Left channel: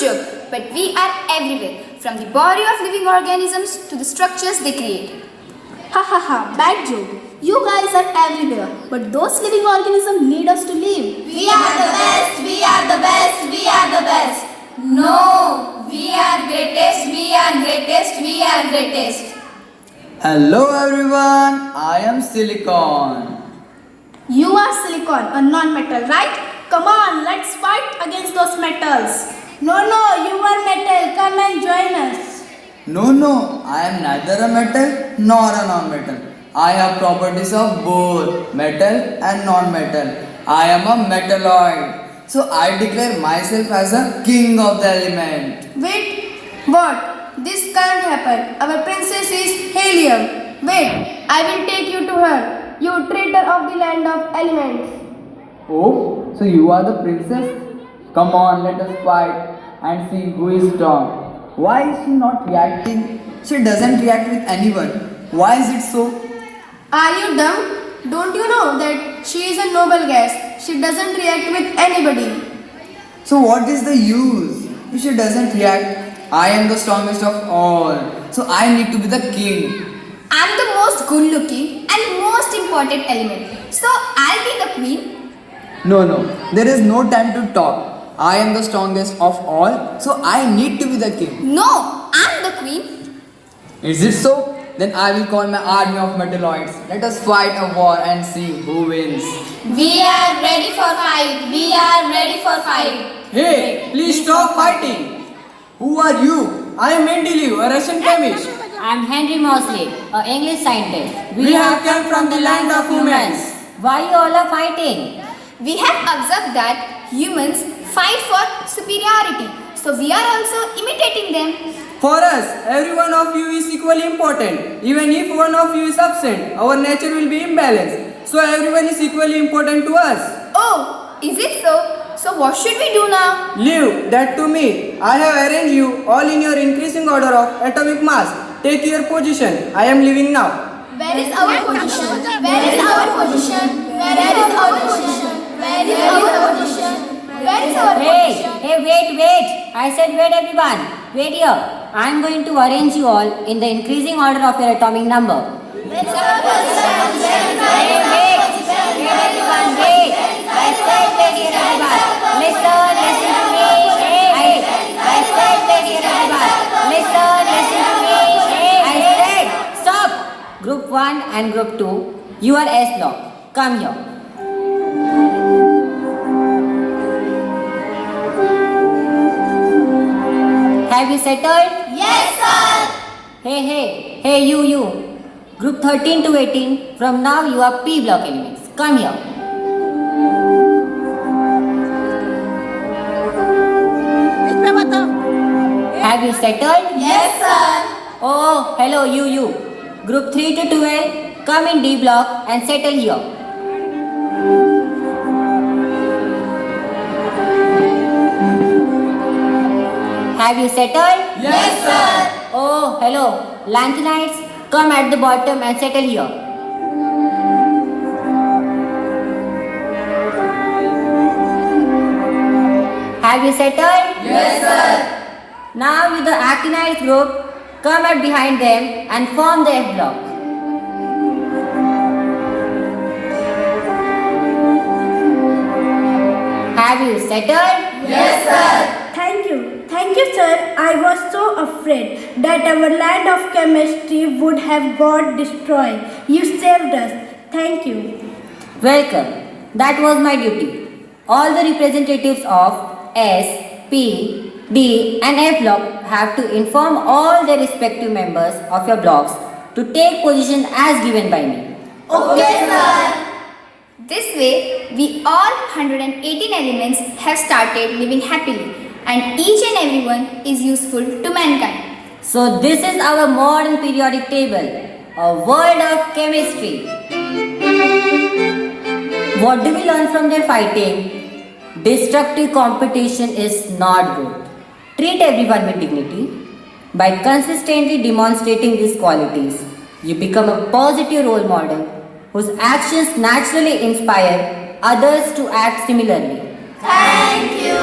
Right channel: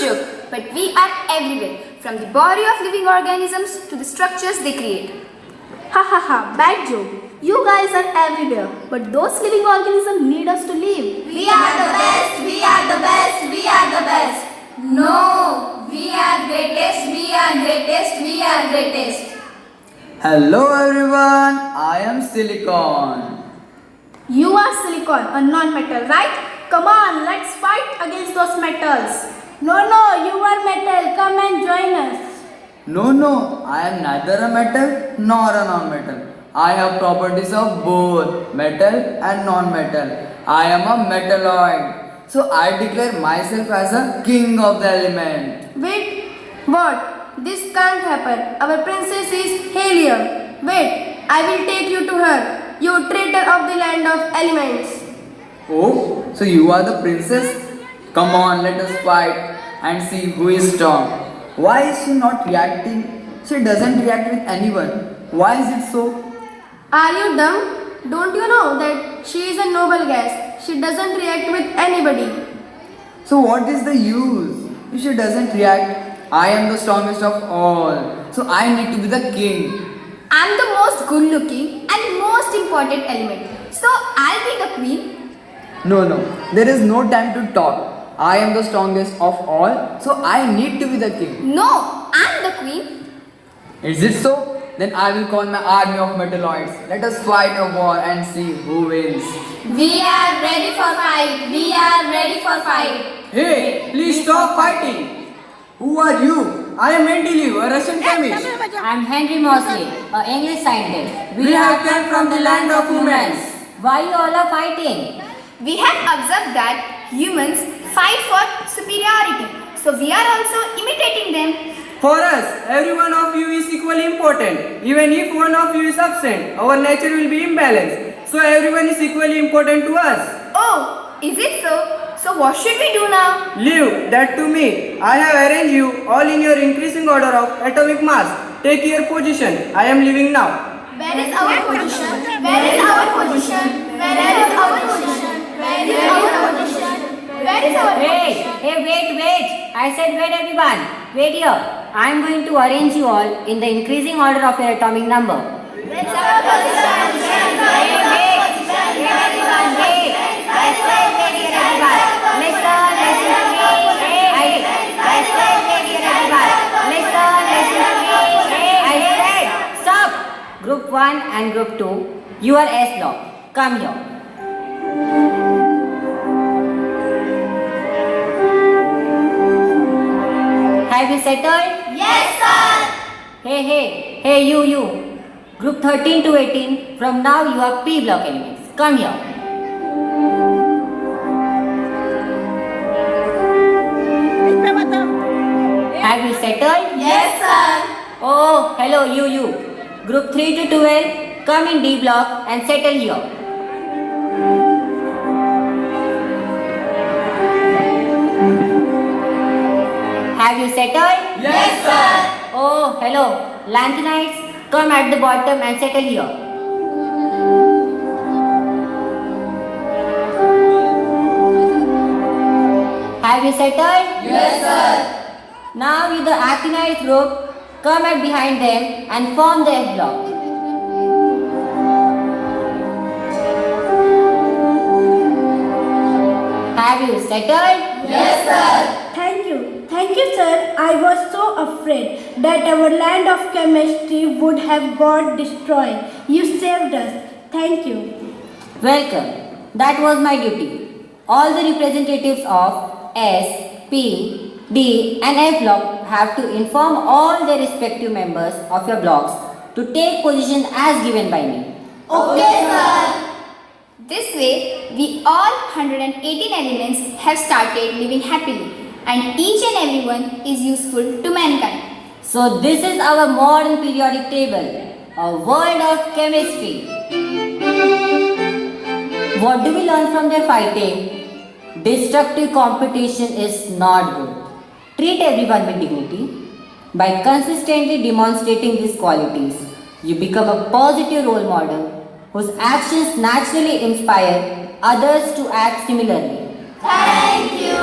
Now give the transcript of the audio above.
joke, but we are everywhere, from the body of living organisms to the structures they create. Ha ha ha, bad joke. You guys are everywhere, but those living organisms need us to live. We are the best, we are the best, we are the best. No, we are greatest, we are greatest, we are greatest. Hello everyone, I am Silicon. You are silicon, a non-metal, right? Come on, let's fight against those metals. No, you are metal. Come and join us. No, I am neither a metal nor a non-metal. I have properties of both metal and non-metal. I am a metalloid. So I declare myself as a king of the element. Wait, what? This can't happen. Our princess is helium. Wait, I will take you to her. You traitor of the land of elements. Oh, so you are the princess? Come on, let us fight and see who is strong. Why is she not reacting? She doesn't react with anyone. Why is it so? Are you dumb? Don't you know that she is a noble gas? She doesn't react with anybody. So what is the use? If she doesn't react, I am the strongest of all. So I need to be the king. I'm the most good looking and most important element. So I'll be the queen. No, there is no time to talk. I am the strongest of all, so I need to be the king. No, I'm the queen. Is it so? Then I will call my army of metalloids. Let us fight a war and see who wins. We are ready for fight. We are ready for fight. Hey, please stop fighting. Who are you? I am Mendeleev, a Russian chemist. I am Henry Moseley, an English scientist. We have come from the land of humans. Why you all are fighting? We have observed that humans fight for superiority. So we are also imitating them. For us, every one of you is equally important. Even if one of you is absent, our nature will be imbalanced. So everyone is equally important to us. Oh, is it so? So what should we do now? Leave that to me. I have arranged you all in your increasing order of atomic mass. Take your position. I am leaving now. Where is our position? Where is our position? Where is our position? Where is our position? Where is our position? Hey, wait. I said wait everyone. Wait here. I am going to arrange you all in the increasing order of your atomic number. Where is our position? Group 1 and Group 2, you are S block. Come here. Have you settled? Yes, sir. Hey, you. Group 13 to 18, from now you are P block elements. Come here. Have you settled? Yes, sir. Oh, hello, you. Group 3 to 12, come in D block and settle here. Have you settled? Yes, sir. Oh, hello. Lanthanides, come at the bottom and settle here. Have you settled? Yes, sir. Now you the actinides group, come at behind them and form the F block. Have you settled? Yes, sir. Thank you, sir. I was so afraid that our land of chemistry would have got destroyed. You saved us. Thank you. Welcome. That was my duty. All the representatives of S, P, D and F block have to inform all their respective members of your blocks to take position as given by me. Okay, sir. This way, we all 118 elements have started living happily, and each and every one is useful to mankind. So this is our modern periodic table, a world of chemistry. What do we learn from their fighting? Destructive competition is not good. Treat everyone with dignity. By consistently demonstrating these qualities, you become a positive role model whose actions naturally inspire others to act similarly. Thank you.